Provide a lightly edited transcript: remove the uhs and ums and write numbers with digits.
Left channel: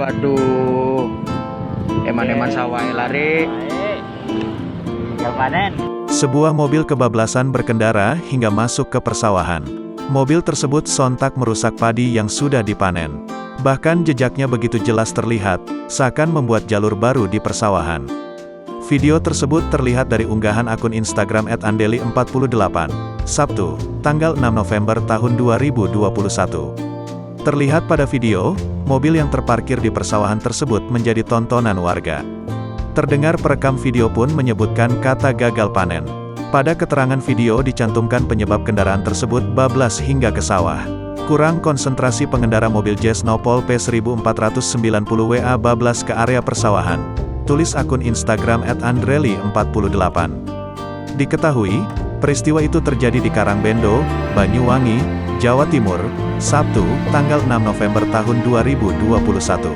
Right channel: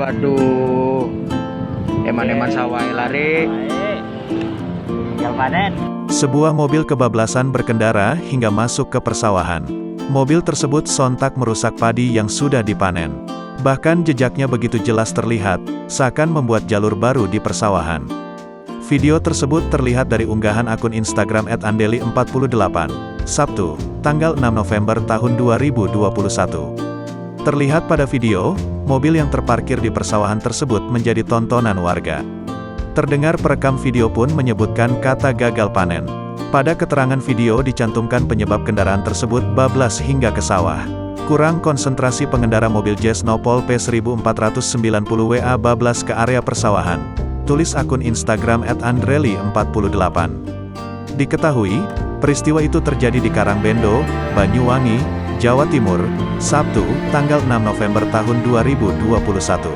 Waduh, eman-eman sawah lari. Tinggal panen. Sebuah mobil kebablasan berkendara hingga masuk ke persawahan. Mobil tersebut sontak merusak padi yang sudah dipanen. Bahkan jejaknya begitu jelas terlihat, seakan membuat jalur baru di persawahan. Video tersebut terlihat dari unggahan akun Instagram @andeli48, Sabtu, tanggal 6 November tahun 2021. Terlihat pada video, mobil yang terparkir di persawahan tersebut menjadi tontonan warga. Terdengar perekam video pun menyebutkan kata gagal panen. Pada keterangan video dicantumkan penyebab kendaraan tersebut bablas hingga ke sawah. Kurang konsentrasi pengendara mobil Jazz Nopol P1490 WA bablas ke area persawahan. Tulis akun Instagram @andreli48. Diketahui, peristiwa itu terjadi di Karangbendo, Banyuwangi, Jawa Timur, Sabtu, tanggal 6 November tahun 2021.